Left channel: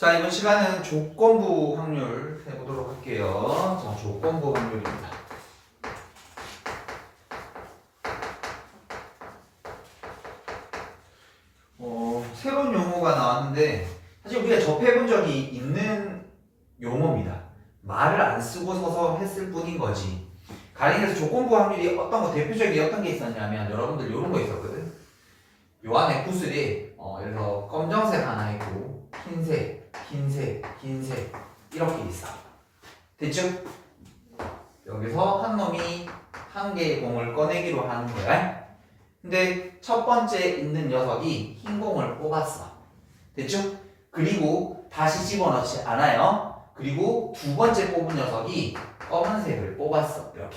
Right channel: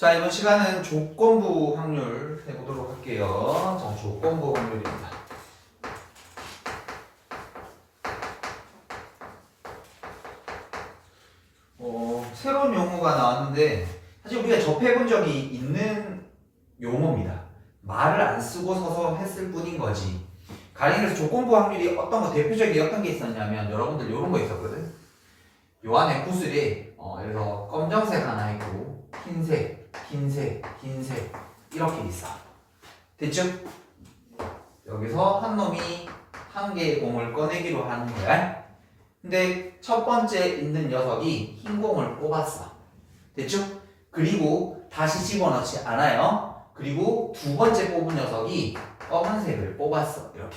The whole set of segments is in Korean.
자, 이번 시간은 조건부 확률 해보도록 할게요. 자, 조건부 확률입니다. 새로운 용어가 나왔는데 사실 우리가 접해본 적이 있는 용어입니다. 말을 안 쓰고 서서 했을 뿐인 거지. 가령에서 조건부 확률이 어떤 거 대표적인 어떤 게 있었냐면 여러분들 이런 거 있었거든. 요 안에 구슬이 예를 들어 검정색 하나 있고 흰색, 흰색, 흰색 이렇게 있어. 됐죠? 여기서 한 놈이 한 개의 공을 꺼내기로 하는 거야. 근데 첫 번째 있는 녀석이 흰 공을 뽑았어. 됐죠? 그리고 다시 집어넣지 않아요. 그리고 두 번째 뽑은 녀석이 검은색을 뽑았어. 이렇게.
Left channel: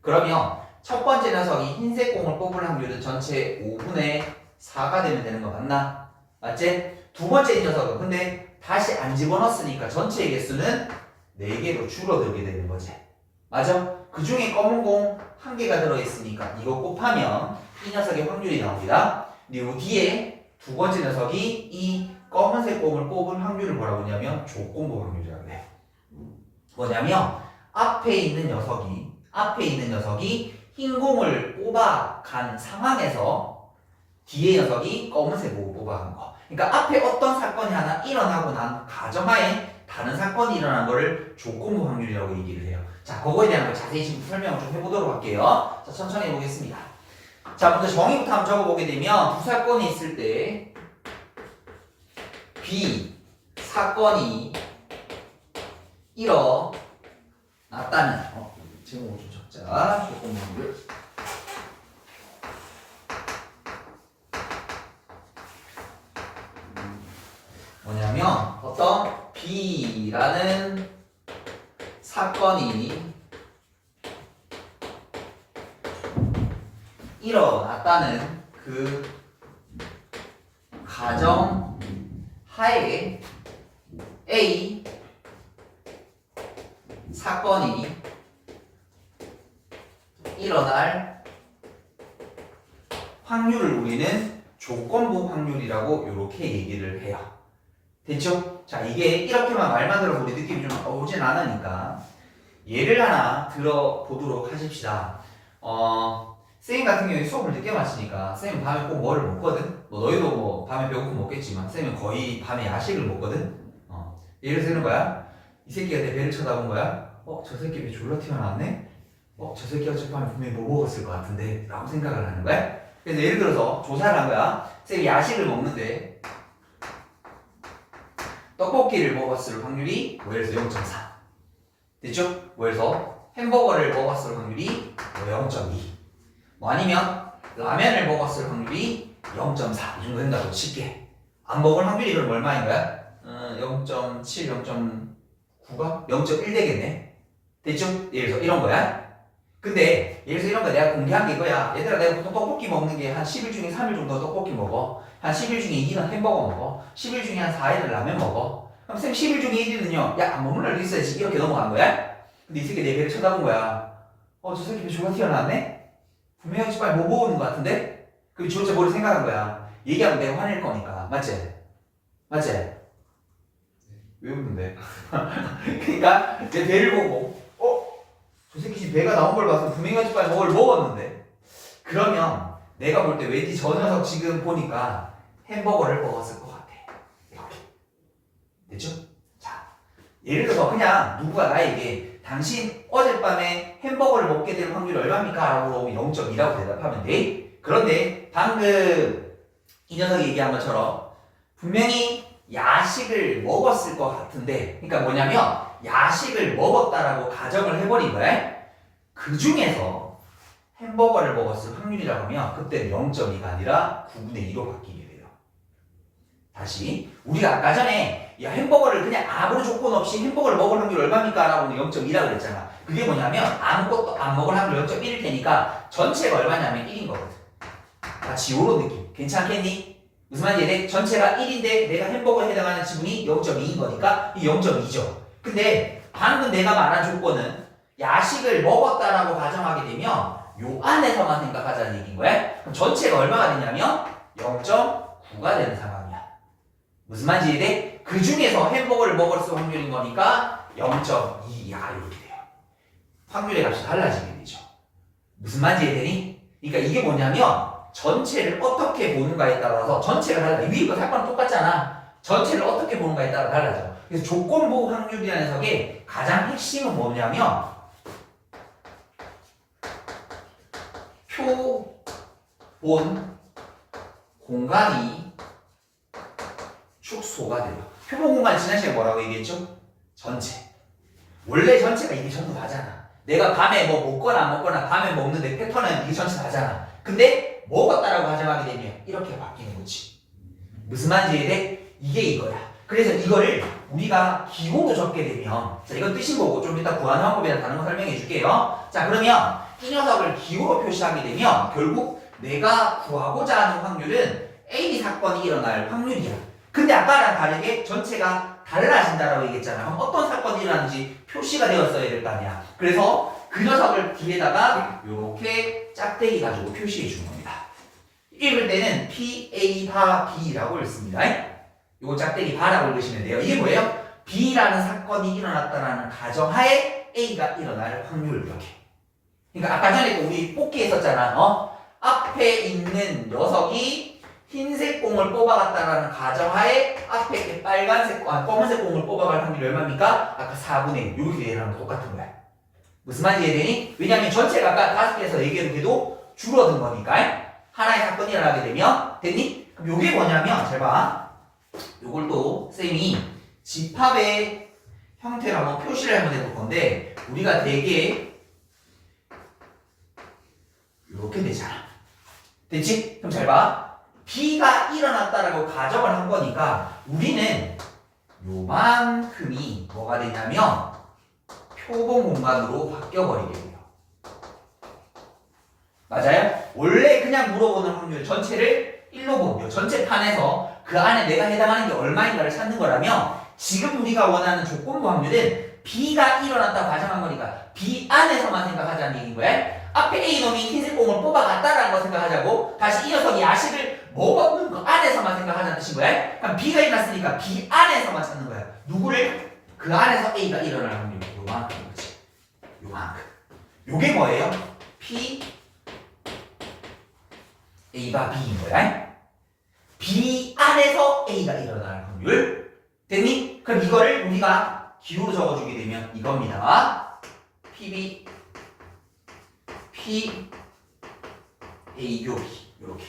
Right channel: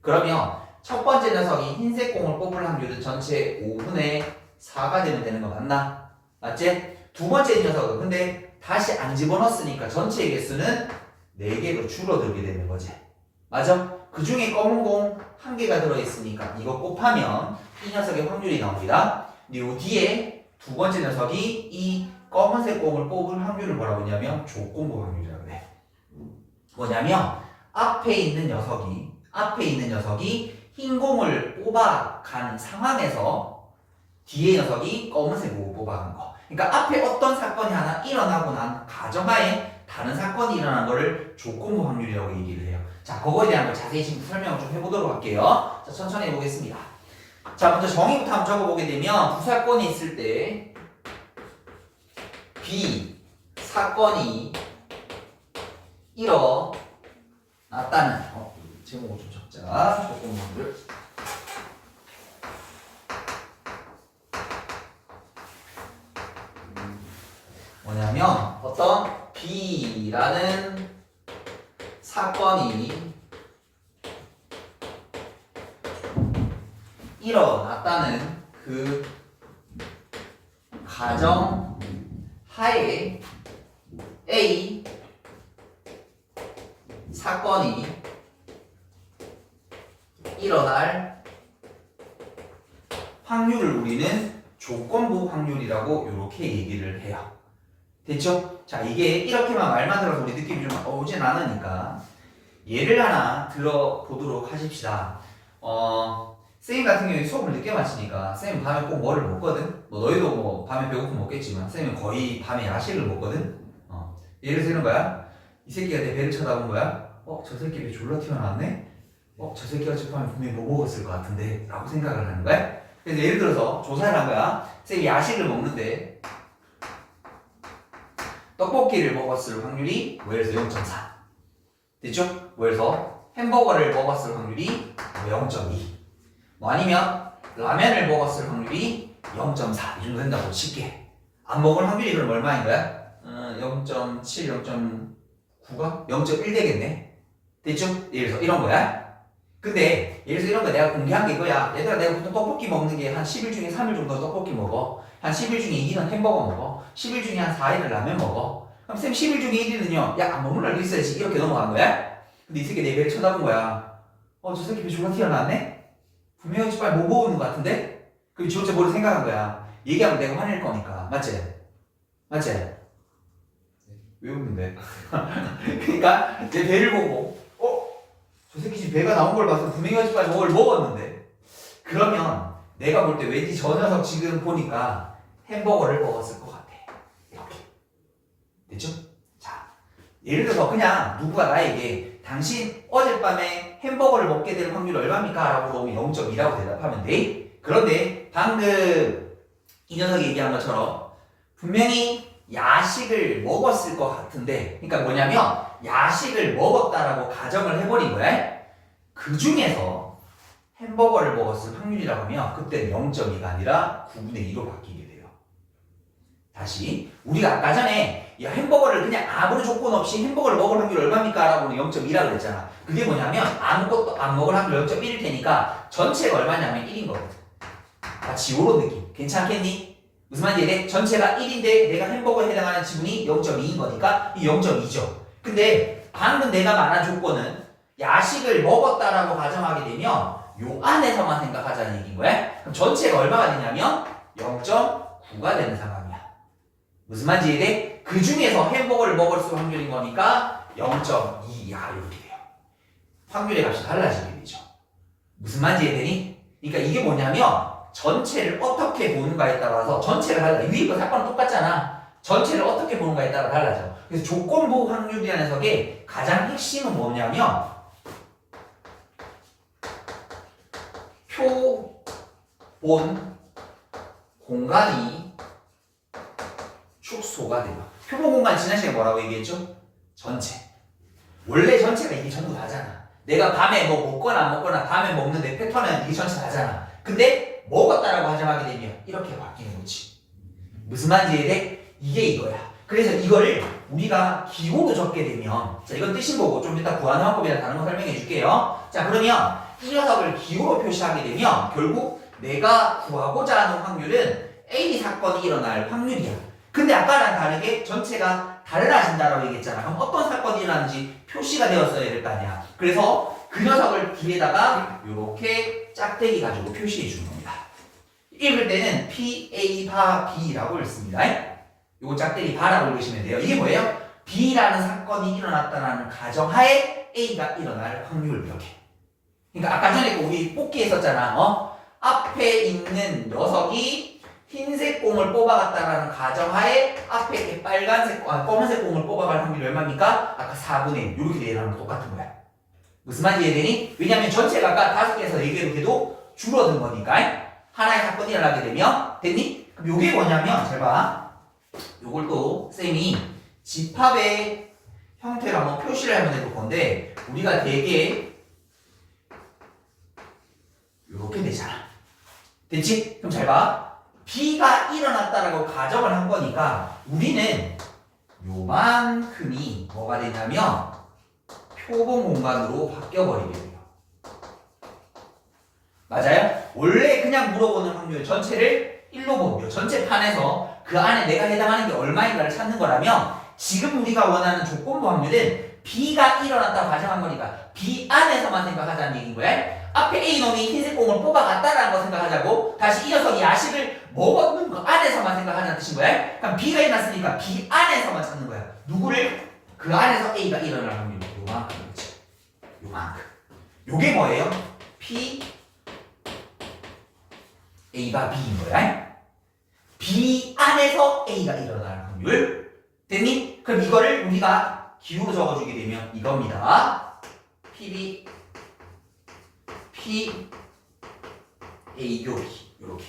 그러면 첫 번째 녀석이 흰색 공을 뽑을 확률은 전체 5분의 4가 되면 되는 거 맞나? 맞지? 두 번째 녀석은 근데 다시 안 집어넣었으니까 전체 개수는 4개로 줄어들게 되는 거지. 맞아? 그 중에 검은 공 1개가 들어있으니까 이거 곱하면 이 녀석의 확률이 나옵니다. 그리고 뒤에 두 번째 녀석이 이 검은색 공을 뽑을 확률을 뭐라고 하냐면 조건부 확률이라고 해. 뭐냐면 앞에 있는 녀석이 흰 공을 뽑아가는 상황에서 뒤에 녀석이 검은색 공을 뽑아간 거. 그러니까 앞에 어떤 사건이 하나 일어나고 난 가정하에 다른 사건이 일어난 거를 조건부 확률이라고 얘기를 해요. 자, 그거에 대한 걸 자세히 지금 설명을 좀 해보도록 할게요. 자, 천천히 해보겠습니다. 자, 먼저 정의부터 한번 적어보게 되면 두 사건이 있을 때 B 사건이 일어났다는 제목을 좀 적자. 조건부 확률. 뭐냐면 어떤 B라는 사건이 일어났다는 그 가정 하에 A 사건이 일어날 확률을 우리는 조건부 확률이라고 이렇게 얘기를 해요. 됐죠? 자, 이게 이렇게만 말만 들어서 우리 느낌이 좀 오진 않으니까 예를 하나 들어보도록 하십시다. 쌤 같은 경우에 수업을 늦게 마치니까 쌤은 밤에 꼭 뭐를 먹거든? 너희도 뭐 밤에 배고프면 먹겠지만 쌤은 거의 밤에 야식을 먹거든? 예를 들어 이런 거야. 이 새끼가 내 배를 쳐다본 거야. 저 새끼 배 졸라 튀어나왔네? 저 새끼가 저 밤에 분명히 뭐 먹었을 것 같은데? 라고 생각을 하는 거야. 그래서 예를 들어서 조사를 한 거야. 쌤이 야식을 먹는데 떡볶이를 먹었을 확률이 예를 들어서 0.4. 됐죠? 예를 들어서 햄버거를 먹었을 확률이 0.2. 아니면 라면을 먹었을 확률이 0.4. 이 정도 된다고 쉽게. 안 먹을 확률이 그럼 얼마인 거야? 0.7, 0.9가? 0.1 되겠네. 됐죠? 예를 들어서 이런 거야. 근데 예를 들어서 이런 거 내가 공개한 게 이거야. 얘들아, 내가 보통 떡볶이 먹는 게 한 10일 중에 3일 정도 떡볶이 먹어. 한 10일 중에 2일은 햄버거 먹어. 10일 중에 한 4일은 라면 먹어. 그럼 쌤 10일 중에 1일은요. 야, 안 먹는 날 있어야지. 이렇게 넘어간 거야. 근데 이 새끼 내 배를 쳐다본 거야. 저 새끼 배 졸라 튀어나왔네? 분명히 빨리 뭐 먹는 것 같은데? 그럼 지 혼자 머리 생각한 거야. 얘기하면 내가 화낼 거니까. 맞지? 맞지? 왜 웃는데? 그러니까 내 배를 보고 저 새끼 지금 배가 나온 걸 봐서 분명히 어젯밤에 뭐를 먹었는데 그러면 내가 볼 때 왠지 저 녀석 지금 보니까 햄버거를 먹었을 것 같아. 이렇게. 됐죠? 자, 예를 들어서 그냥 누구가 나에게 당신 어젯밤에 햄버거를 먹게 될 확률이 얼마입니까? 라고 물어보면 0.2라고 대답하면 돼. 그런데 방금 이 녀석이 얘기한 것처럼 분명히 야식을 먹었을 것 같은데, 그러니까 뭐냐면 야식을 먹었다라고 가정을 해버린 거야. 그 중에서 햄버거를 먹었을 확률이라고 하면 그때 0.2가 아니라 9분의 2로 바뀌게 돼요. 다시 우리가 아까 전에 야, 햄버거를 그냥 아무런 조건 없이 햄버거를 먹을 확률 얼마입니까? 라고 0.2라고 그랬잖아. 그게 뭐냐면 아무것도 안 먹을 확률 0.1일 테니까 전체가 얼마냐면 1인 거거든. 마치 요런 느낌. 괜찮겠니? 무슨 말인지 이해? 전체가 1인데 내가 햄버거에 해당하는 지분이 0.2인 거니까 이 0.2죠. 근데 방금 내가 말한 조건은 야식을 먹었다라고 가정하게 되면 요 안에서만 생각하자는 얘기인 거야. 그럼 전체가 얼마가 되냐면 0.9가 되는 상황이야. 무슨 말인지 이해? 그 중에서 햄버거를 먹었을 확률인 거니까 0.2 이하 이렇게 돼요. 확률의 값이 달라지게 되죠. 무슨 말인지 이해되니? 그러니까 이게 뭐냐면 전체를 어떻게 보는가에 따라서 전체가 달라. 위에 거 사건은 똑같잖아. 전체를 어떻게 보는가에 따라 달라져. 그래서 조건부 확률이라는 녀석의 가장 핵심은 뭐냐면 표본 공간이 축소가 돼요. 표본 공간 지난 시간에 뭐라고 얘기했죠? 전체. 원래 전체가 이게 전부 다잖아. 내가 밤에 뭐 먹거나 안 먹거나 밤에 먹는데 패턴은 이게 전체 다잖아. 근데 먹었다라고 가정하게 되면 이렇게 바뀌는 거지. 무슨 말인지 이해돼? 이게 이거야. 그래서 이거를 우리가 기호로 적게 되면, 자, 이건 뜻인 거고 좀 이따 구하는 방법이나 다른 거 설명해 줄게요. 자, 그러면 이 녀석을 기호로 표시하게 되면 결국 내가 구하고자 하는 확률은 A 사건이 일어날 확률이야. 근데 아까랑 다르게 전체가 달라진다라고 얘기했잖아. 그럼 어떤 사건이 일어나는지 표시가 되었어야 될 거 아니야. 그래서 그 녀석을 뒤에다가 이렇게 짝대기 가지고 표시해 주는 겁니다. 읽을 때는 PA 바 B라고 읽습니다. 요거 짝대기 바라고 읽으시면 돼요. 이게 뭐예요? B라는 사건이 일어났다는 가정하에 A가 일어날 확률 이렇게. 그러니까 아까 전에 우리 뽑기 했었잖아. 앞에 있는 녀석이 흰색 공을 뽑아갔다라는 가정하에 앞에 검은색 공을 뽑아갈 확률이 얼마입니까? 아까 4분의 1 이렇게 되는 거 똑같은 거야. 무슨 말인지 이해되니? 왜냐면 전체가 아까 5개에서 4개로 해도 줄어든 거니까. 하나의 사건이 일어나게 되면 됐니? 그럼 요게 뭐냐면 잘 봐. 요걸 또 쌤이 집합의 형태로 한번 표시를 한번 해볼 건데 우리가 되게 요렇게 되잖아. 됐지? 그럼 잘 봐. B가 일어났다라고 가정을 한 거니까 우리는 요만큼이 뭐가 되냐면 표본 공간으로 바뀌어버리게 돼요. 맞아요? 원래 그냥 물어보는 확률 전체를 1로 보면 전체 판에서 그 안에 내가 해당하는 게 얼마인가를 찾는 거라면 지금 우리가 원하는 조건부 확률은 B가 일어났다고 가정한 거니까 B 안에서만 생각하자는 얘기인 거야. 앞에 A놈이 흰색 공을 뽑아갔다라는 거 생각하자고 다시 이 녀석이 야식을 먹었는 거 안에서만 생각하자는 뜻인 거야. 그럼 B가 일어났으니까 B 안에서만 찾는 거야. 누구를? 그 안에서 A가 일어날 확률이 요만큼인 거지. 요만큼. 요게 뭐예요? P A가 B인 거야. B 안에서 A가 일어날 확률. 됐니? 그럼 이거를 우리가 기호로 적어주게 되면 이겁니다. PB P A 요 B 요렇게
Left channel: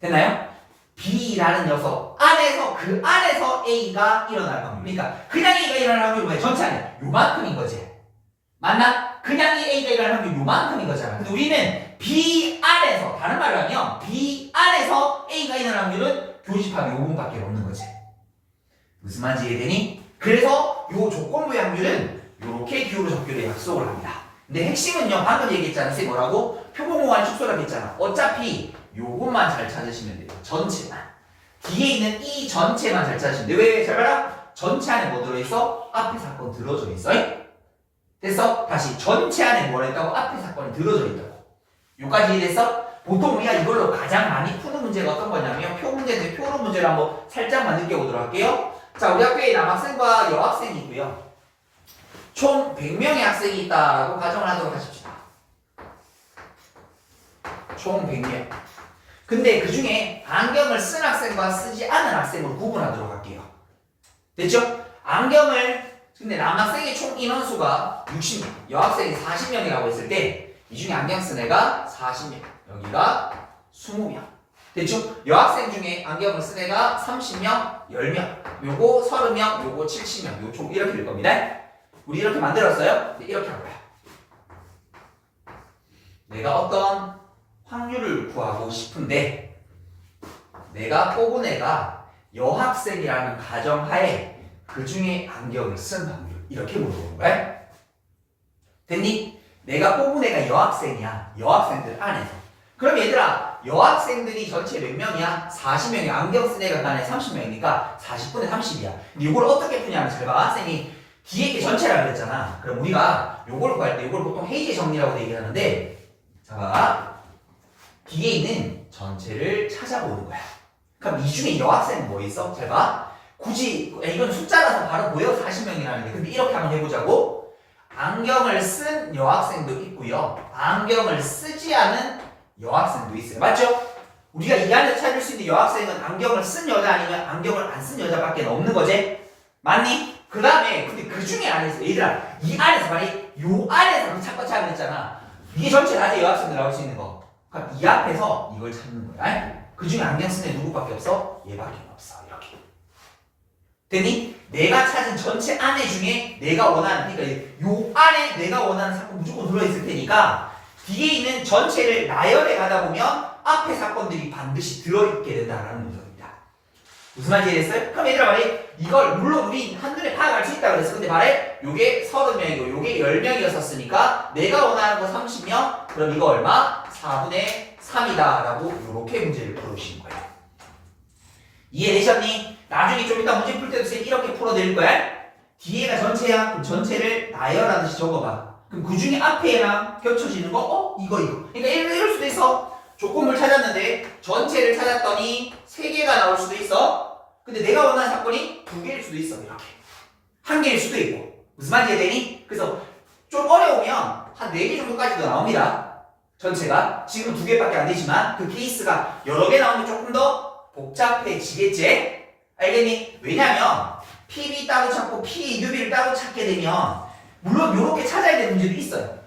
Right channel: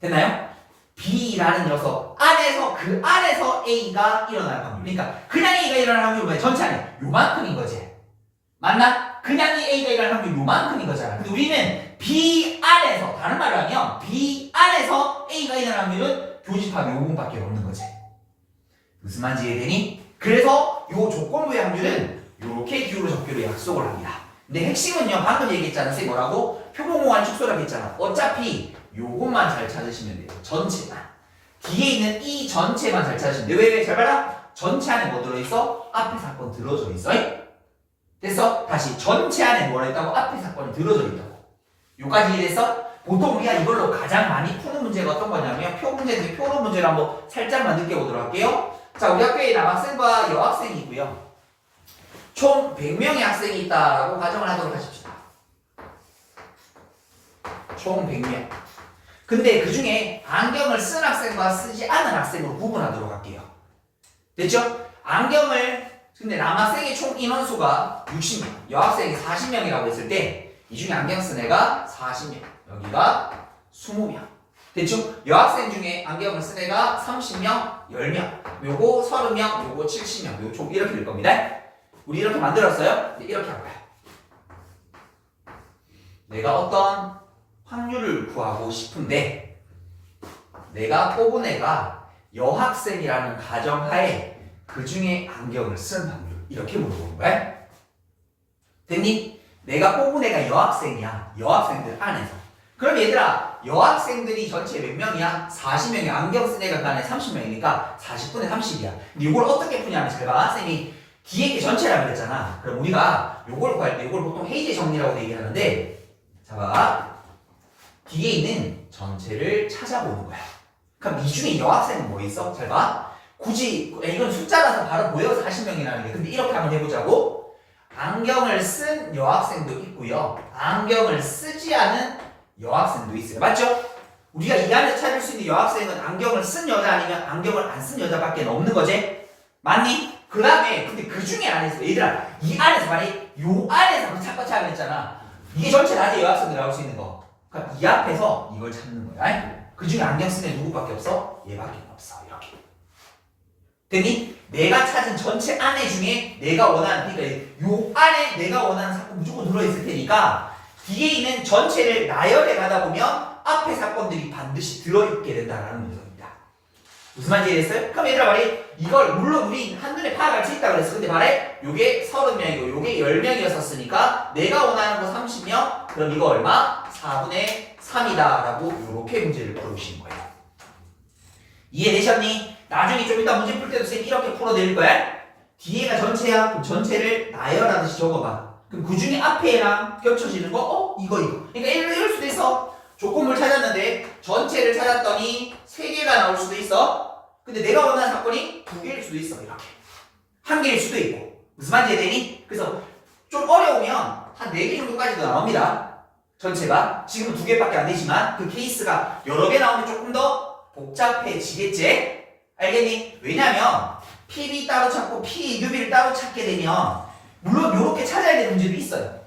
됐나요? B라는 녀석 안에서 그 안에서 A가 일어날 확률. 그러니까 그냥 A가 일어날 확률이 왜 전체 안에 요만큼인 거지. 맞나? 그냥 이 A가 일어날 확률이 요만큼인 거잖아. 근데 우리는 B 안에서 다른 말로 하면 B 안에서 A가 일어날 확률은 교집합 요분밖에 없는 거지. 무슨 말인지 이해되니? 그래서 요 조건부의 확률은 요렇게 기호로 적기로 약속을 합니다. 근데 핵심은요 방금 얘기했잖아. 쌤 뭐라고? 표본공간의 축소라고 했잖아. 어차피 요것만 잘 찾으시면 돼요. 전체만. 뒤에 있는 이 전체만 잘 찾으시면 돼요. 왜? 잘 봐라. 전체 안에 뭐 들어있어? 앞에 사건 들어져 있어. 됐어? 다시 전체 안에 뭐라 했다고? 앞에 사건이 들어져 있다고. 요까지 이해됐어? 보통 우리가 이걸로 가장 많이 푸는 문제가 어떤 거냐면 표 문제인데 표로 문제를 한번 살짝만 느껴보도록 할게요. 자, 우리 학교에 남학생과 여학생이 있고요. 총 100명의 학생이 있다라고 가정을 하도록 하십시다. 총 100명. 근데 그 중에 안경을 쓴 학생과 쓰지 않은 학생으로 구분하도록 할게요. 됐죠? 근데 남학생의 총 인원수가 60명, 여학생이 40명이라고 했을 때 이 중에 안경 쓴 애가 40명, 여기가 20명. 됐죠? 여학생 중에 안경을 쓴 애가 30명, 10명, 요거 30명, 요거 70명, 요 총 이렇게 될 겁니다. 우리 이렇게 만들었어요? 이렇게 할 거야. 내가 어떤 확률을 구하고 싶은데 내가 뽑은 애가 여학생이라는 가정하에 그 중에 안경을 쓴 확률 이렇게 물어보는 거야. 됐니? 내가 뽑은 애가 여학생이야. 여학생들 안에서. 그럼 얘들아 여학생들이 전체 몇 명이야? 40명이 안경 쓴 애가 그 안에 30명이니까 40분의 30이야. 근데 이걸 어떻게 푸냐면 잘 봐. 쌤이 뒤에 게 전체라고 그랬잖아. 그럼 우리가 요걸 구할 때 요걸 보통 헤이제 정리라고 얘기하는데 자 봐. 뒤에 있는 전체를 찾아보는 거야. 그럼 이 중에 여학생은 뭐 있어? 잘 봐. 굳이 이건 숫자라서 바로 보여 40명이라는 게. 근데 이렇게 한번 해보자고. 안경을 쓴 여학생도 있고요. 안경을 쓰지 않은 여학생도 있어요. 맞죠? 우리가 이 안에 찾을 수 있는 여학생은 안경을 쓴 여자 아니면 안경을 안 쓴 여자밖에 없는 거지? 맞니? 그 다음에 근데 그 중에 안에서 얘들아 이 안에서 말이 요 안에서 찾고 찾아 그랬잖아. 이게 전체 다 여학생들 나올 수 있는 거. 그러니까 이 앞에서 이걸 찾는 거야. 그 중에 안경 쓴 애 누구밖에 없어? 얘밖에 없어. 이렇게. 됐니? 내가 찾은 전체 안에 중에 내가 원하는 그러니까 요 안에 내가 원하는 사건 무조건 들어있을 테니까 뒤에 있는 전체를 나열해 가다 보면 앞에 사건들이 반드시 들어있게 된다라는 문제입니다. 무슨 말인지 이해됐어요? 그럼 얘들아 말이 이걸 물론 우리 한눈에 파악할 수 있다고 그랬어. 근데 말해 요게 30명이고 요게 10명이었으니까 내가 원하는 거 30명 그럼 이거 얼마? 4분의 3이다 라고 이렇게 문제를 풀어주시는 거예요. 이해되셨니? 나중에 좀 이따 문제 풀 때도 쌤 이렇게 풀어드릴 거야. 뒤에가 전체야. 그럼 전체를 나열하듯이 적어봐. 그럼 그 중에 앞에랑 겹쳐지는 거 이거 그러니까 이럴 수도 있어. 조건물 찾았는데 전체를 찾았더니 3개가 나올 수도 있어. 근데 내가 원하는 사건이 2개일 수도 있어. 이렇게 1개일 수도 있고. 무슨 말인지 이해되니? 그래서 좀 어려우면 한 4개 정도까지도 나옵니다. 전체가 지금은 2개밖에 안 되지만 그 케이스가 여러 개 나오면 조금 더 복잡해지겠지? 알겠니? 왜냐면 PB 따로 찾고 P, UB를 따로 찾게 되면 물론 이렇게 찾아야 되는 문제도 있어요.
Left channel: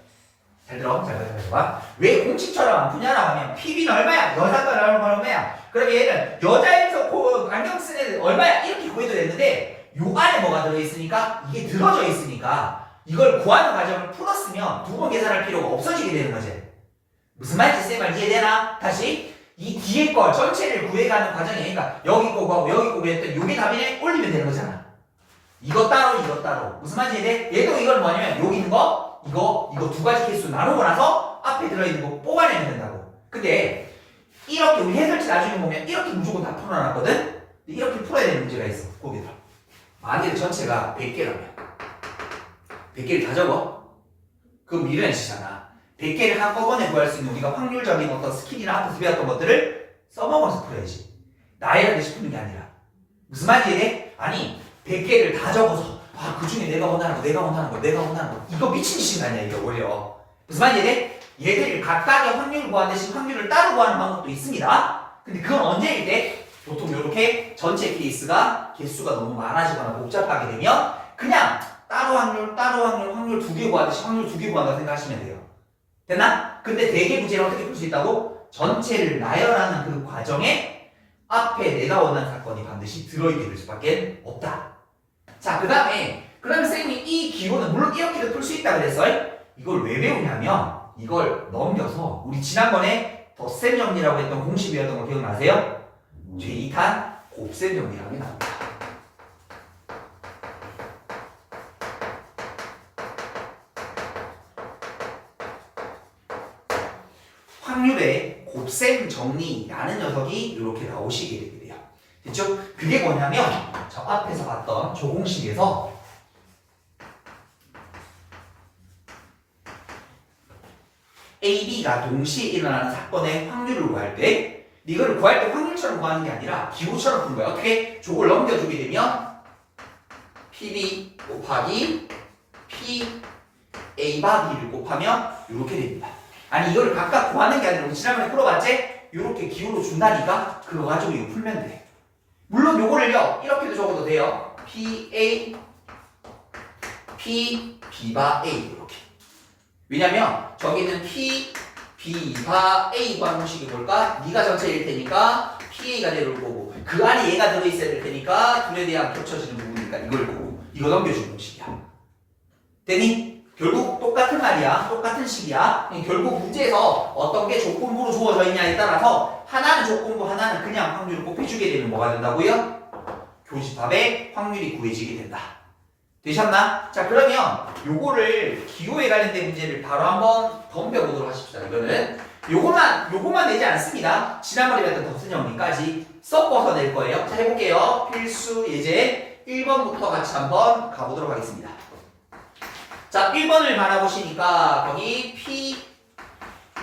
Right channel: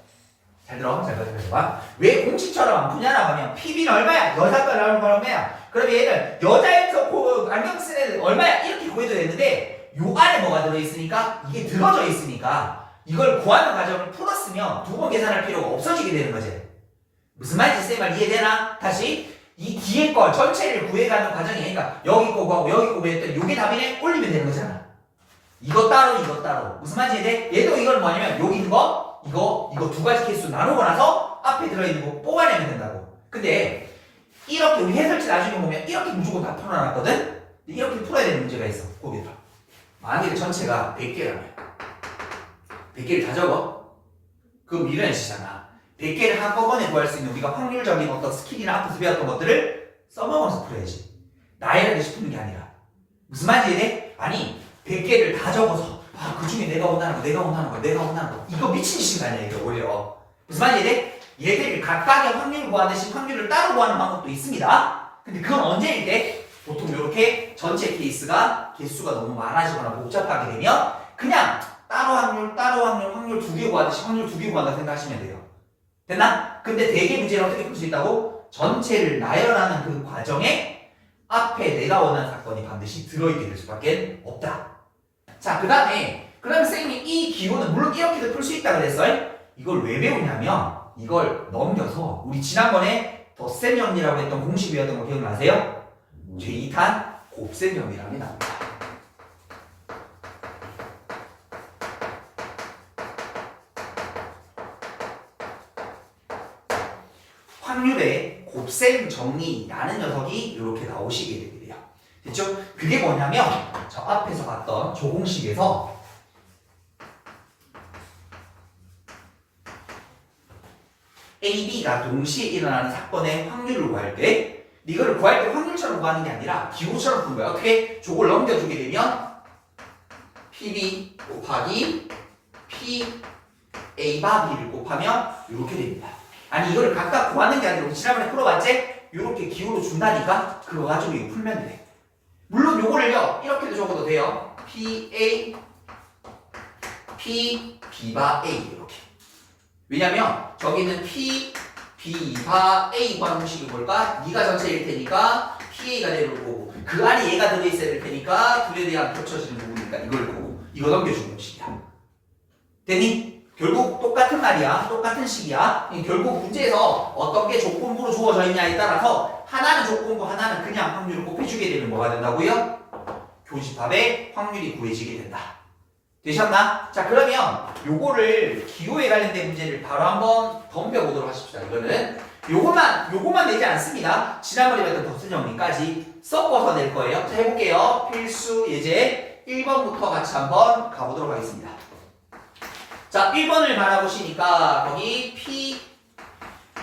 잘 들어? 잘 봐. 왜 공식처럼 안 푸냐라고 하면 PB는 얼마야? 여자가 얼마야? 그럼 얘는 여자에서 안경 쓴 애는 얼마야? 이렇게 구해도 되는데 요 안에 뭐가 들어있으니까 이게 들어져 있으니까 이걸 구하는 과정을 풀었으면 2번 계산할 필요가 없어지게 되는 거지. 무슨 말인지 쌤 말 이해되나? 다시 이 뒤에 거 전체를 구해가는 과정이 아니니까 여기 거 구하고 여기 거 구했더니 요게 답이네? 올리면 되는 거잖아. 이거 따로 이거 따로. 무슨 말인지 이해돼? 얘도 이걸 뭐냐면 여기 있는 거 이거 2가지 케이스로 나누고 나서 앞에 들어있는 거 뽑아내면 된다고. 근데 이렇게 우리 해설지 나중에 보면 이렇게 무조건 다 풀어놨거든? 이렇게 풀어야 되는 문제가 있어. 거기다. 만약에 전체가 100개라면 100개를 다 적어? 그럼 미련치잖아. 100개를 한꺼번에 구할 수 있는 우리가 확률적인 어떤 스킬이나 앞에서 배웠던 것들을 써먹으면서 풀어야지. 나열하듯이 푸는 게 아니라. 무슨 말인지 이해돼? 아니 100개를 다 적어서 그 중에 내가 원하는 거 이거 미친 짓이 아니야 이거 오히려. 무슨 말인지 이해돼? 얘들 각각의 확률을 구하듯이 확률을 따로 구하는 방법도 있습니다. 근데 그건 언제일 때? 보통 이렇게 전체 케이스가 개수가 너무 많아지거나 복잡하게 되면 그냥 따로 확률 2개 구하듯이 확률 2개 구한다 생각하시면 돼요. 됐나? 근데 대개 문제는 어떻게 풀 수 있다고? 전체를 나열하는 그 과정에 앞에 내가 원하는 사건이 반드시 들어있게 될 수밖에 없다. 자, 그 다음에 쌤이 이 기호는 물론 이렇게도 풀 수 있다 그랬어요. 이걸 왜 배우냐면 이걸 넘겨서 우리 지난번에 덧셈 정리라고 했던 공식 배웠던 거 기억나세요? 제2탄 곱셈 정리라는 게 나옵니다. 확률의 곱셈 정리라는 녀석이 이렇게 나오시게 되게 돼요. 됐죠? 그게 뭐냐면 저 앞에서 봤던 조공식에서 A, B가 동시에 일어나는 사건의 확률을 구할 때 이걸 구할 때 확률처럼 구하는 게 아니라 기호처럼 푸는 거야. 어떻게? 저걸 넘겨주게 되면 PB 곱하기 P A 바 B를 곱하면 이렇게 됩니다. 아니 이걸 각각 구하는 게 아니라 우리 지난번에 풀어봤지? 이렇게 기호로 준다니까 그거 가지고 이거 풀면 돼. 물론 요거를요 이렇게도 적어도 돼요. P A P B 바 A 이렇게. 왜냐면 저기는 P B 바 A 방식이 뭘까? 네가 전체일 테니까 PA가 되는 거고 그 안에 얘가 들어있어야 될 테니까 둘에 대한 겹쳐지는 부분이니까 이걸 보고 이거 넘겨주는 식이야. 됐니? 결국 똑같은 말이야. 똑같은 식이야. 결국 문제에서 어떤 게 조건부로 주어져 있냐에 따라서 하나는 조건부, 하나는 그냥 확률을 곱해주게 되면 뭐가 된다고요? 교집합의 확률이 구해지게 된다. 되셨나? 자, 그러면 요거를 기호에 관련된 문제를 바로 한번 덤벼보도록 하십시다. 이거는 요거만 내지 않습니다. 지난번에 배웠던 덧셈 정리까지 섞어서 낼 거예요. 자, 해볼게요. 필수 예제 1번부터 같이 한번 가보도록 하겠습니다. 자, 1번을 바라보시니까 거기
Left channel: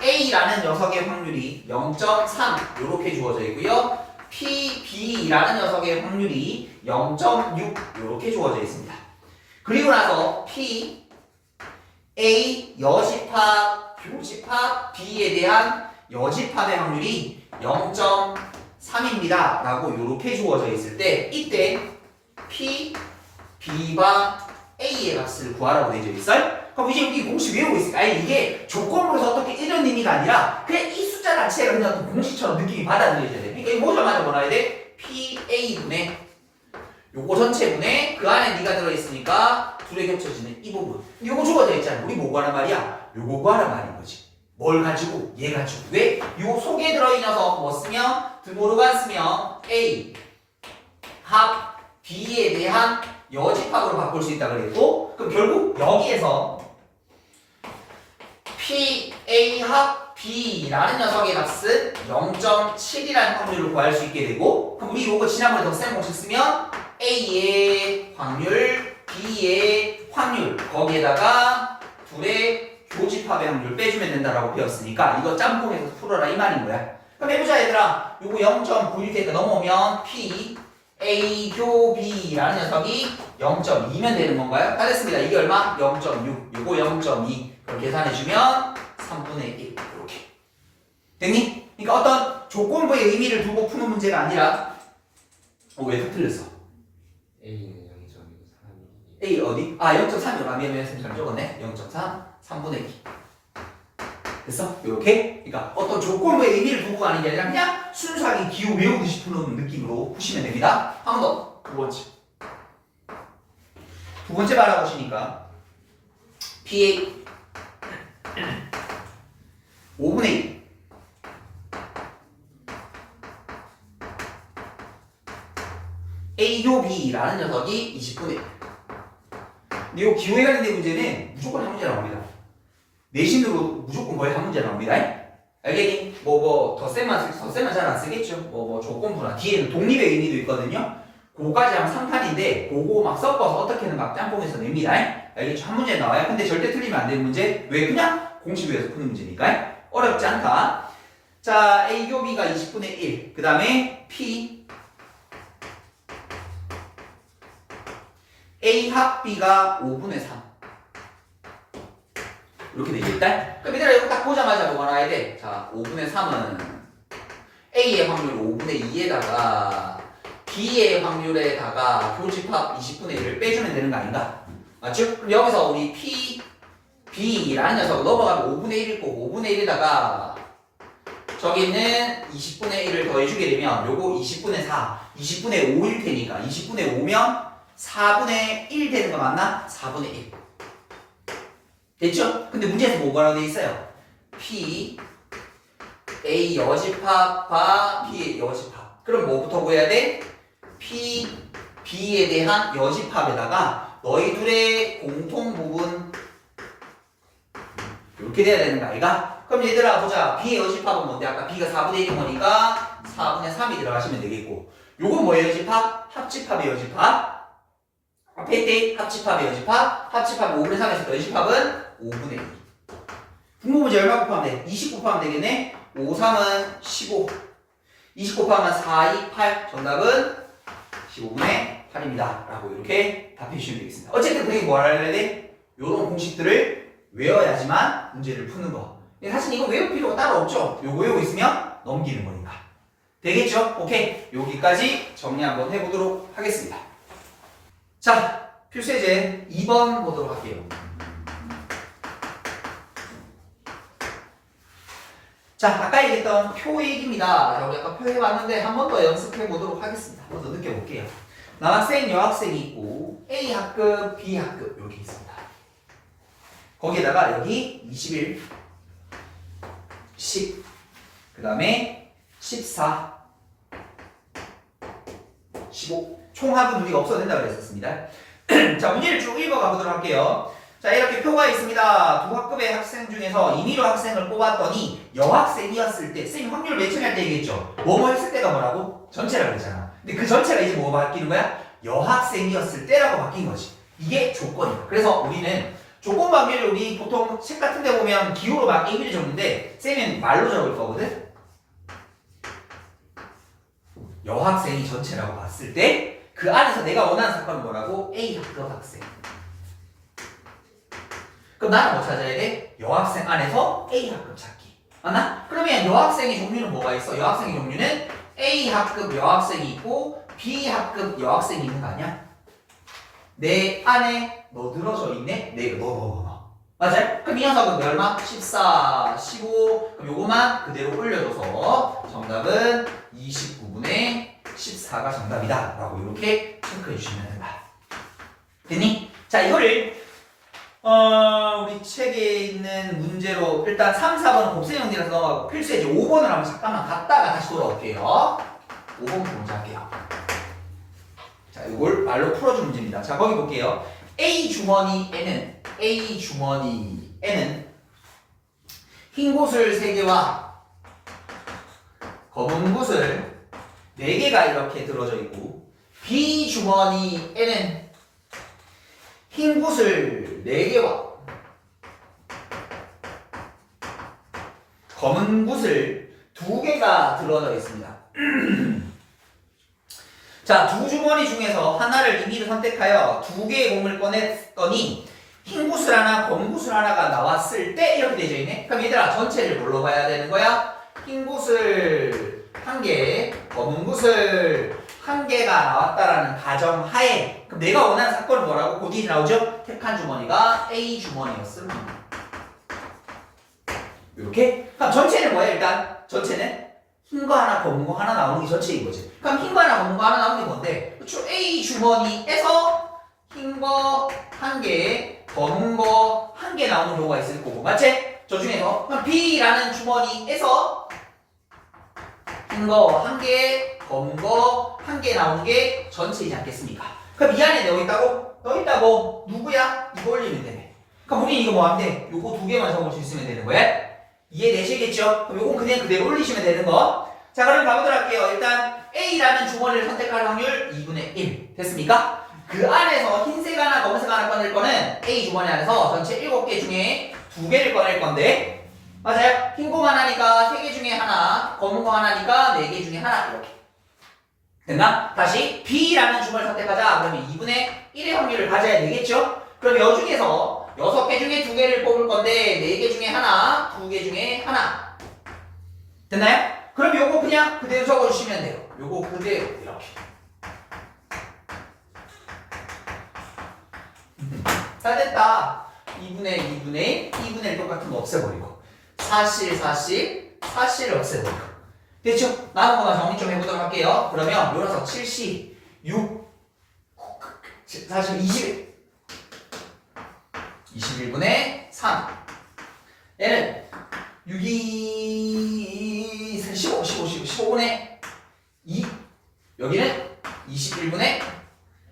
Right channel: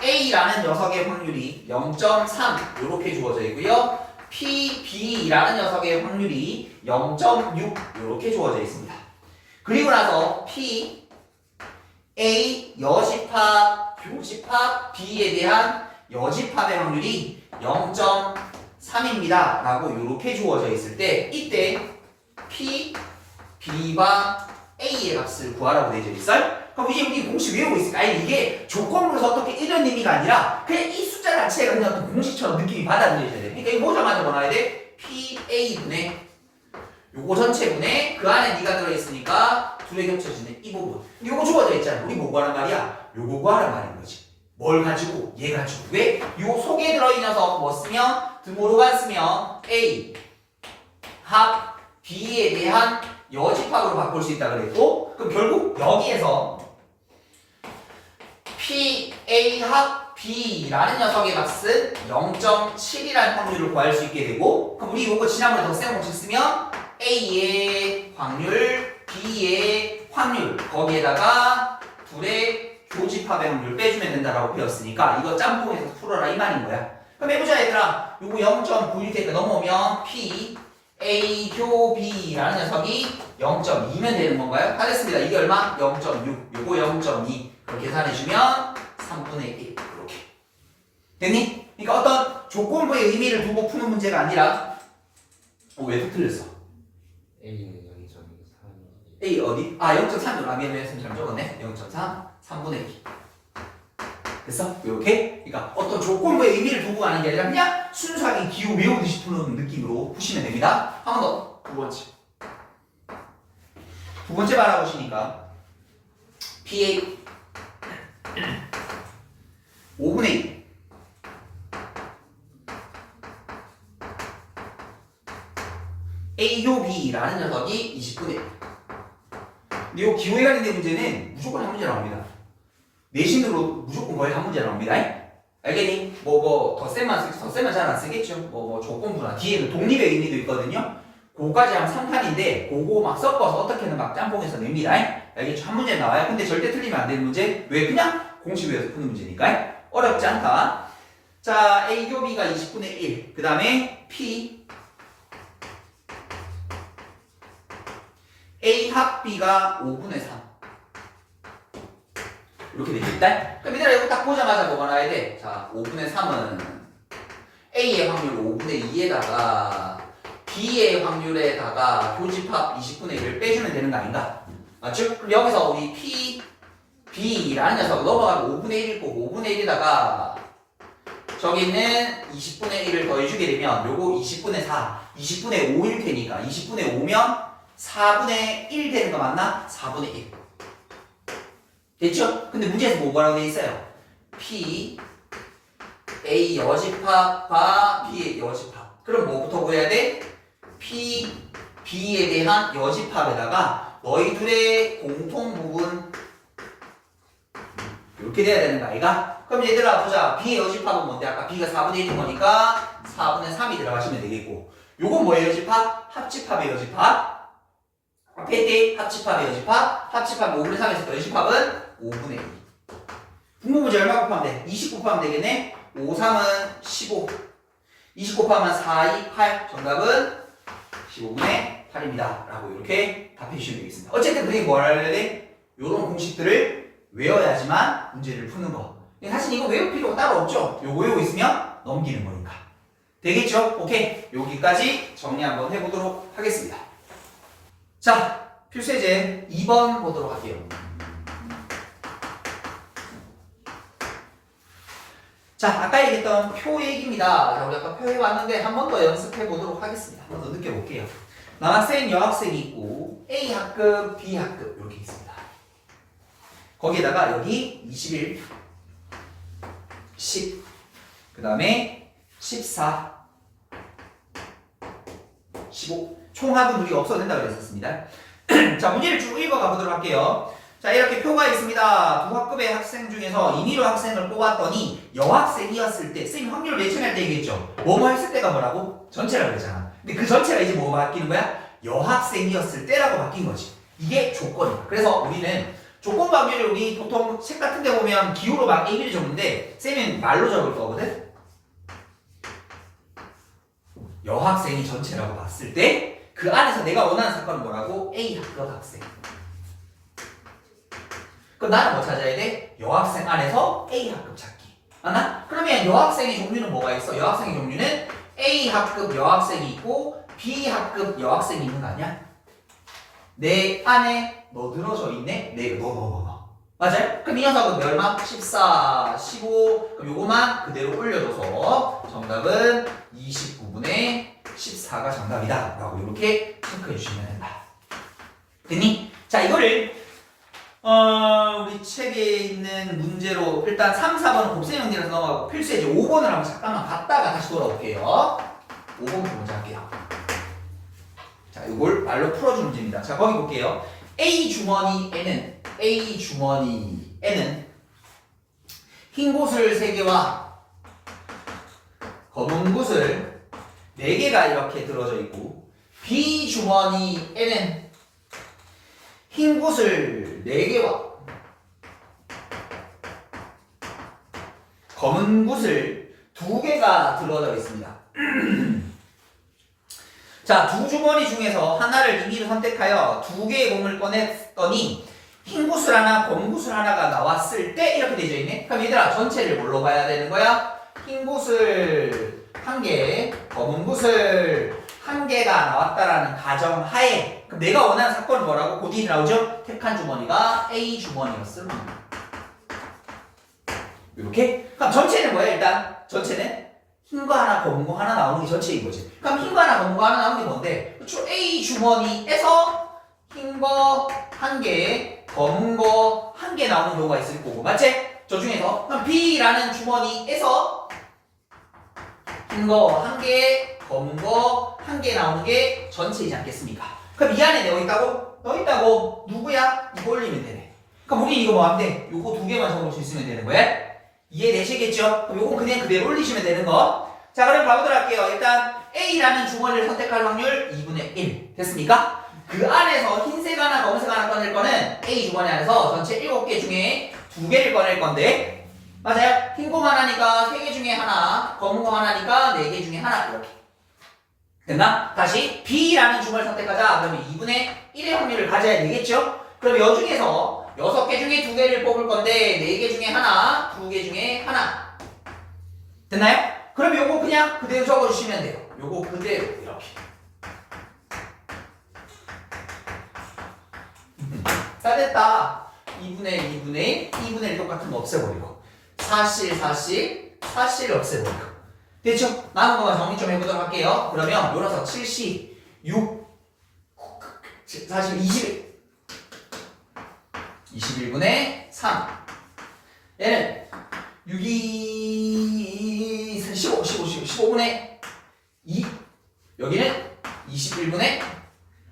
PA라는 녀석의 확률이 0.3 이렇게 주어져 있고요. PB라는 녀석의 확률이 0.6 이렇게 주어져 있습니다. 그리고 나서 P, A 여집합, 교집합, B에 대한 여집합의 확률이 0.3입니다. 라고 이렇게 주어져 있을 때 이때 P, B와 A의 값을 구하라고 되어 있어요. 그럼 이제 우리 공식 외우고 있으니까 아니 이게 조건부로서 어떻게 이런 의미가 아니라 그냥 이 숫자 자체가 그냥 어떤 공식처럼 느낌이 받아들여져야 돼. 그러니까 이 보자마자 뭐 나와야 돼? PA분의 요거 전체분의 그 안에 네가 들어있으니까 둘이 겹쳐지는 이 부분. 요거 주어져 있잖아. 우리 뭐 구하란 말이야? 요거 구하란 말인 거지. 뭘 가지고? 얘 가지고. 왜? 요 속에 들어있는 녀석 뭐 쓰면 드모르간 쓰면 A 합 B에 대한 여집합으로 바꿀 수 있다 그랬고 그럼 결국 여기에서 PA 합 B라는 녀석의 값은 0.7이라는 확률을 구할 수 있게 되고 그럼 우리 이거 지난번에 덧셈 공식 쓰면 A의 확률, B의 확률 거기에다가 둘의 교집합의 확률 빼주면 된다라고 배웠으니까 이거 짬뽕해서 풀어라 이 말인 거야. 그럼 해보자 얘들아. 요거 0.9일 테니까 넘어오면 P A 교 B라는 녀석이 0.2면 되는 건가요? 다 됐습니다. 이게 얼마? 0.6 요거 0.2 그럼 계산해주면 3분의 1 이렇게 됐니? 그러니까 어떤 조건부의 의미를 두고 푸는 문제가 아니라 왜 또 틀렸어? A는 0.3 A 어디? 아 0.3이요. 아 미안해 잘 적었네. 0.3 3분의 2 됐어? 요렇게? 그러니까 어떤 조건부의 의미를 두고 가는 게 아니라 그냥 순수하게 기호 외우듯이 푸는 느낌으로 푸시면 됩니다. 한 번 더. 두 번째 바라보시니까 PA 5분의 1 A교 B라는 녀석이 20분의 1 근데 이 기호에 관련된 문제는 무조건 한 문제 나옵니다. 내신으로 무조건 거의 한 문제 나옵니다. 알겠니? 덧셈만 잘 안 쓰겠죠. 조건부나 뒤에는 독립의 의미도 있거든요. 그거까지 하면 3탄인데 그거 막 섞어서 어떻게든 막 짬뽕해서 냅니다. 알겠죠? 한 문제 나와요. 근데 절대 틀리면 안 되는 문제. 왜? 그냥 공식 위에서 푸는 문제니까. 어렵지 않다. 자, A교 B가 20분의 1. 그 다음에 P A 합 B가 5분의 3. 이렇게 되겠다. 그럼 얘들아 이거 딱 보자마자 뭐가 나와야 돼? 자, 5분의 3은 A의 확률 5분의 2에다가 B의 확률에다가 교집합 20분의 1을 빼주면 되는 거 아닌가? 맞죠? 그럼 여기서 우리 P, B라는 녀석 넘어가면 5분의 1일 거고 5분의 1에다가 저기 있는 20분의 1을 더해주게 되면 요거 20분의 4, 20분의 5일 테니까 20분의 5면 4분의 1 되는 거 맞나? 4분의 1 됐죠? 근데 문제에서 뭐라고 되어 있어요? P A 여집합과 B의 여집합. 그럼 뭐부터 구해야 돼? P B에 대한 여집합에다가 너희 둘의 공통 부분 이렇게 돼야 되는 거 아이가? 그럼 얘들아 보자. B의 여집합은 뭔데? 아까 B가 4분의 1인 거니까 4분의 3이 들어가시면 되겠고 요건 뭐의 여집합? 합집합의 여집합. 앞에 합집합의 여집합. 합집합 5분의 3에서 여집합은 5분의 2. 분모 문제 얼마 곱하면 돼? 20 곱하면 되겠네? 5, 3은 15. 20 곱하면 4, 2, 8. 정답은 15분의 8입니다. 라고 이렇게 답해 주시면 되겠습니다. 어쨌든 우리 뭐 알아야 돼? 요런 공식들을 외워야지만 문제를 푸는 거. 사실 이거 외울 필요가 따로 없죠? 요거 외우고 있으면 넘기는 거니까. 되겠죠? 오케이. 여기까지 정리 한번 해보도록 하겠습니다. 자, 필수예제 2번 보도록 할게요. 자, 아까 얘기했던 표 얘기입니다. 자, 우리 아까 표 해봤는데 한 번 더 연습해 보도록 하겠습니다. 한 번 더 느껴볼게요. 남학생, 여학생이 있고 A 학급, B 학급 이렇게 있습니다. 거기에다가 여기 21, 10, 그 다음에 14, 15 총합은 우리가 없어도 된다고 그랬었습니다. 자, 문제를 쭉 읽어가 보도록 할게요. 자, 이렇게 표가 있습니다. 두 학급의 학생 중에서 임의로 학생을 뽑았더니 여학생이었을 때 선생님 확률 매칭할 때 얘기했죠. 뭐뭐 했을 때가 뭐라고? 전체라고 그랬잖아. 근데 그 전체가 이제 뭐가 바뀌는 거야? 여학생이었을 때라고 바뀐 거지. 이게 조건이야. 그래서 우리는 조건 확률을 우리 보통 책 같은 데 보면 기호로 막 얘기를 적는데 쌤은 말로 적을 거거든. 여학생이 전체라고 봤을 때 그 안에서 내가 원하는 사건은 뭐라고? A 학급 학생. 그럼 나는 뭐 찾아야 돼? 여학생 안에서 A 학급 찾기. 맞나? 그러면 여학생의 종류는 뭐가 있어? 여학생의 종류는 A 학급 여학생이 있고 B 학급 여학생이 있는 거 아니야? 내 안에 너 들어져 있네? 네, 너. 맞아요? 그럼 이 녀석은 얼마? 14, 15. 그럼 요거만 그대로 올려줘서 정답은 29분의 14가 정답이다. 라고 이렇게 체크해 주시면 된다. 됐니? 자, 이거를 우리 책에 있는 문제로 일단 3, 4번은 곱셈 연기라서 넘어가고 필수에 이제 5번을 한번 잠깐만 갔다가 다시 돌아올게요. 5번부터 먼저 할게요. 자, 이걸 말로 풀어주는 문제입니다. 자, 거기 볼게요. A 주머니에는 흰 곳을 3개와 검은 곳을 4개가 이렇게 들어져 있고 B 주머니에는 흰 곳을 4개와 검은 곳을 2개가 들어져 있습니다. 자, 두 주머니 중에서 하나를 임의로 선택하여 2개의 공을 꺼냈더니 흰 구슬 하나, 검은 구슬 하나가 나왔을 때 이렇게 되어 있네. 그럼 얘들아 전체를 뭘로 봐야 되는 거야? 흰 구슬 1개, 검은 구슬 1개가 나왔다라는 가정하에 그럼 내가 원하는 사건은 뭐라고? 그 뒤에 나오죠? 택한 주머니가 A 주머니였음. 이렇게? 그럼 전체는 뭐야 일단? 전체는 흰 거 하나, 검은 거 하나 나오는 게 전체인 거지. 그럼 흰 거 하나, 검은 거 하나 나오는 게 뭔데? 그렇죠? A 주머니에서 흰 거 1개, 검은 거 1개 나오는 경우가 있을 거고, 맞지? 저 중에서 그럼 B라는 주머니에서 흰 거 1개, 검은 거 1개 나오는 게 전체이지 않겠습니까? 그럼 이 안에 너 있다고? 너 있다고 누구야? 이거 올리면 되네. 그럼 우리 이거 뭐 하면 돼? 요거 2개만 적을 수 있으면 되는 거야? 이해되시겠죠? 그럼 요건 그냥 그대로 올리시면 되는 거. 자, 그럼 가보도록 할게요. 일단 A라는 주머니를 선택할 확률 2분의 1 됐습니까? 그 안에서 흰색 하나, 검은색 하나 꺼낼 거는 A 주머니 안에서 전체 7개 중에 2개를 꺼낼 건데 맞아요? 흰 거만 하니까 3개 중에 하나, 검은 거 하나니까 4개 중에 하나 이렇게 됐나? 다시 B라는 주머니를 선택하자. 그러면 2분의 1의 확률을 가져야 되겠죠? 그럼 이 중에서 6개 중에 2개를 뽑을 건데 4개 중에 하나, 2개 중에 하나 됐나요? 그럼 요거 그냥 그대로 적어주시면 돼요. 요거 그대로 이렇게 다 됐다. 2분의 1 똑같은 거 없애버리고 사실 없애버리고 됐죠? 남은 것만 정리 좀 해보도록 할게요. 그러면 요 녀석 76 사실 21분의 3 얘는 15분의 2 여기는 21분의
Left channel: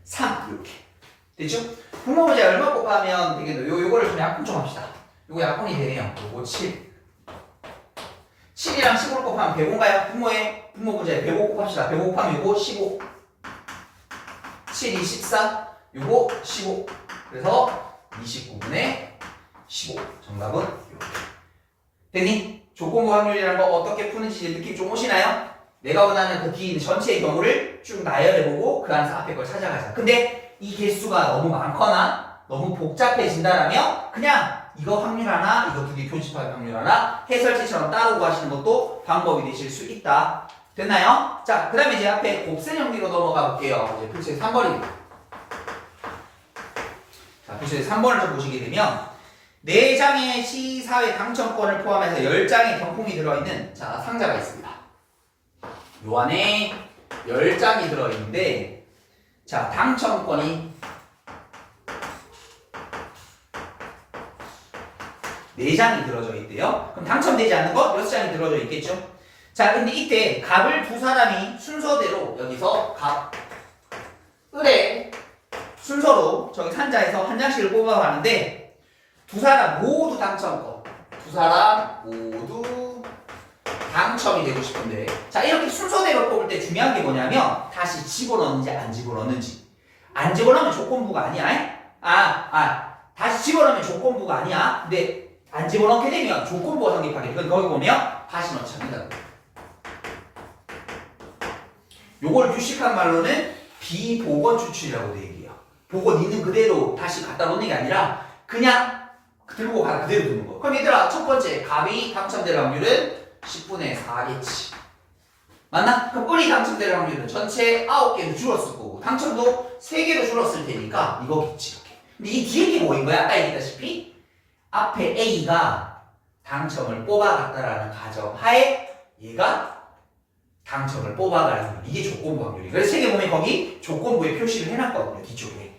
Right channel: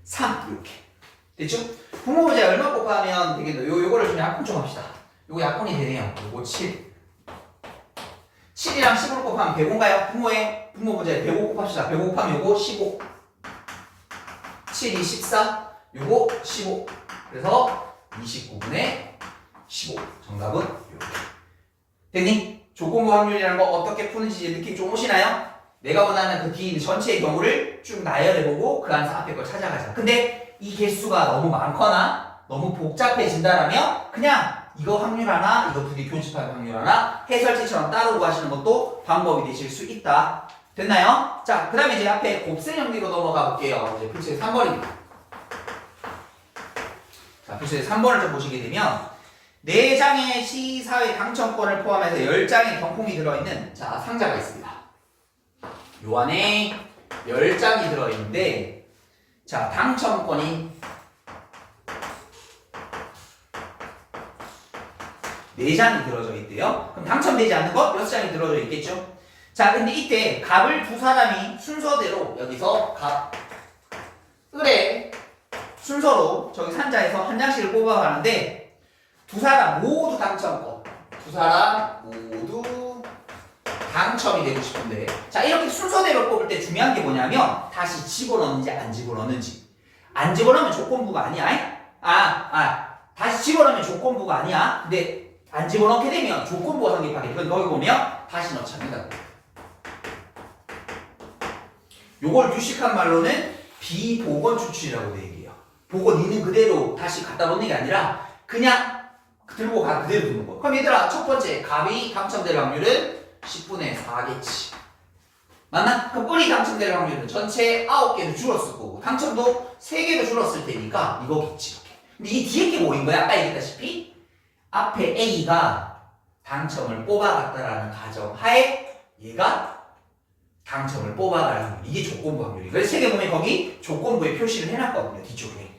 3 이렇게 됐죠? 분모 문제 얼마 곱하면 되겠노? 요거를 좀 약분 좀 합시다. 요거 약분이 되네요. 요거 7이랑 15를 곱하면 105인가요? 분모 문제 105 곱합시다. 105 곱하면 요거 15 7이 14 요거 15 그래서 29분의 15 정답은 이렇게 됐니? 조건부 확률이라는 거 어떻게 푸는지 느낌 좀 오시나요? 내가 원하는 그 뒤에 있는 전체의 경우를 쭉 나열해보고 그 안에서 앞에 걸 찾아가자. 근데 이 개수가 너무 많거나 너무 복잡해진다라면 그냥 이거 확률 하나, 이거 2개 교집합 확률 하나 해설지처럼 따로 구하시는 것도 방법이 되실 수 있다. 됐나요? 자, 그 다음에 이제 앞에 곱셈 연기로 넘어가 볼게요. 이제 필수의 3번입니다. 자, 필수의 3번을 좀 보시게 되면 4장의 시사회 당첨권을 포함해서 10장의 경품이 들어있는 자 상자가 있습니다. 요 안에 10장이 들어있는데 자 당첨권이 4장이 들어져 있대요. 그럼 당첨되지 않는 것 6장이 들어져 있겠죠. 자 근데 이때 갑을 두 사람이 순서대로 여기서 갑, 을의 순서로 저기 상자에서 한 장씩을 뽑아가는데 두 사람 모두 당첨권. 두 사람 모두 당첨이 되고 싶은데 자 이렇게 순서대로 뽑을 때 중요한 게 뭐냐면 다시 집어넣는지 안 집어넣는지 안 집어넣으면 조건부가 아니야. 다시 집어넣으면 조건부가 아니야. 근데 안 집어넣게 되면 조건부가 성립하게. 이건 거기 보면 다시 넣자는 거야. 요걸 규식한 말로는 비복원 추출이라고 돼 얘기해요. 복원 있는 그대로 다시 갖다 놓는 게 아니라 그냥 들고 가 그대로 두는 거. 그럼 얘들아 첫 번째 갑이 당첨될 확률은 10분의 4겠지. 맞나? 그럼 뿔이 당첨될 확률은 전체 9개로 줄었을 거고 당첨도 3개로 줄었을 테니까 이거겠지. 이렇게. 근데 이 뒤에 게 뭐인 거야? 아까 얘기했다시피 앞에 A가 당첨을 뽑아갔다라는 가정 하에 얘가 당첨을 뽑아가는 확률. 이게 조건부 확률이에요. 그래서 책에 보면 거기 조건부에 표시를 해놨거든요. 뒤쪽에.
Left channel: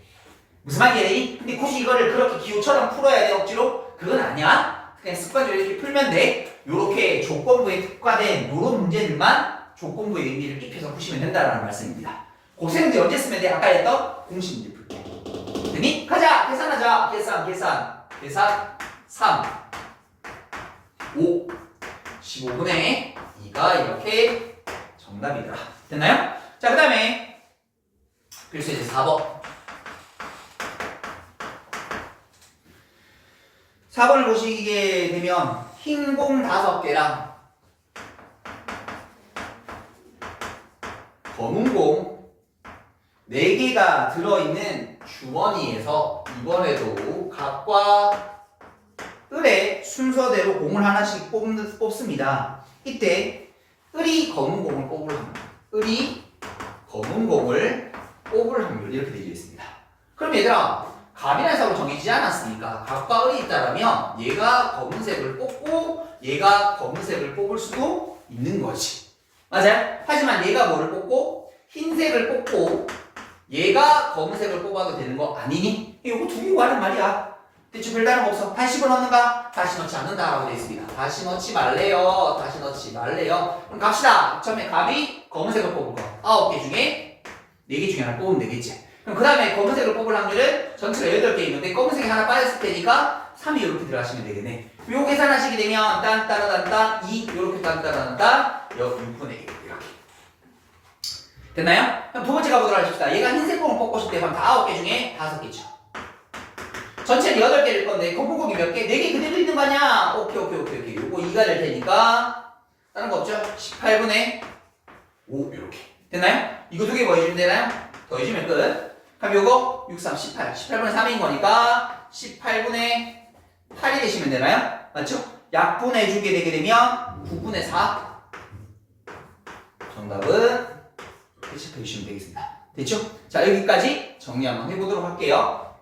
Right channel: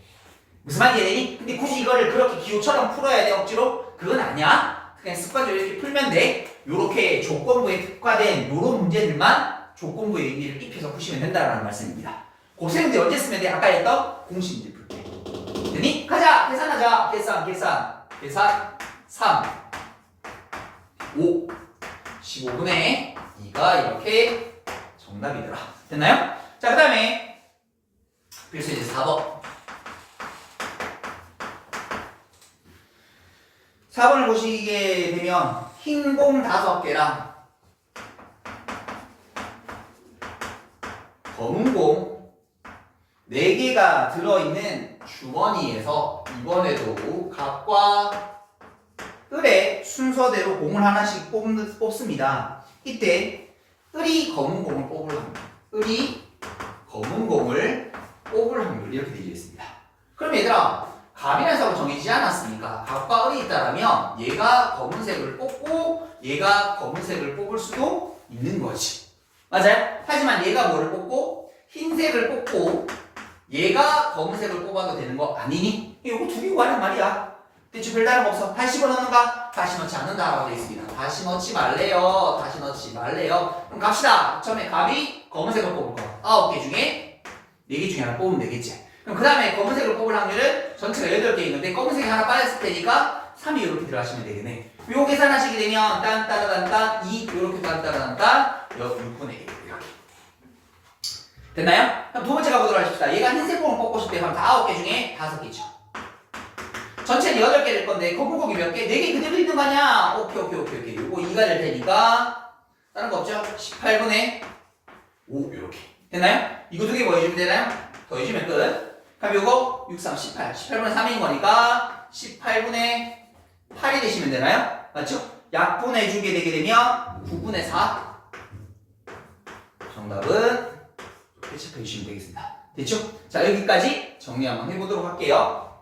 무슨 말이야? 근데 굳이 이거를 그렇게 기호처럼 풀어야 돼 억지로? 그건 아니야. 그냥 습관적으로 이렇게 풀면 돼. 요렇게 조건부에 특화된 요런 문제들만 조건부의 의미를 입혀서 푸시면 된다는 말씀입니다. 곱셈문제 언제 쓰면 돼? 아까 했던 공식문제 풀게. 됐니? 가자! 계산하자. 계산 3 5 15분의 2가 이렇게 정답이더라. 됐나요? 자, 그 다음에 필수이제 4번. 4번을 보시게 되면 흰 공 5개랑 검은 공 4개가 들어있는 주머니에서 이번에도 각과 을의 순서대로 공을 하나씩 뽑습니다. 이때 을이 검은 공을 뽑을 확률, 을이 검은 공을 뽑을 확률 이렇게 되겠습니다. 그럼 얘들아 갑이라는 삭을 정해지지 않았으니까 갑과 을이 있다라면 얘가 검은색을 뽑고 얘가 검은색을 뽑을 수도 있는 거지. 맞아요? 하지만 얘가 뭐를 뽑고 흰색을 뽑고 얘가 검은색을 뽑아도 되는 거 아니니? 이거 두 개 구하란 말이야. 대체 별다른 거 없어. 다시 집어넣는가? 다시 넣지 않는다라고 되어 있습니다. 다시 넣지 말래요. 다시 넣지 말래요. 그럼 갑시다. 처음에 갑이 검은색을 뽑을 거 9개 중에 4개 중에 하나 뽑으면 되겠지. 그럼 그 다음에 검은색을 뽑을 확률은 전체가 8개 있는데 검은색이 하나 빠졌을 테니까 3이 이렇게 들어가시면 되겠네. 요 계산하시게 되면 딴따라단딴 2 요렇게 딴따라단딴 6분의 1 이렇게. 됐나요? 그럼 두 번째 가보도록 하십시다. 얘가 흰색 공을 뽑고 싶대. 그럼 9개 중에 5개죠. 전체는 8개일 건데 검은 공이 몇 개? 4개 그대로 있는 거 아니야? 오케이. 요거 2가 될 테니까 다른 거 없죠? 18분의 5 요렇게. 됐나요? 이거 두 개 더해주면 되나요? 더해주면 끝. 그럼 요거 6, 3, 18. 18분의 3인 거니까 18분의 8이 되시면 되나요? 맞죠? 약분해 주게 되게 되면 9분의 4. 정답은 이렇게 체크해 주시면 되겠습니다. 됐죠? 자, 여기까지 정리 한번 해보도록 할게요.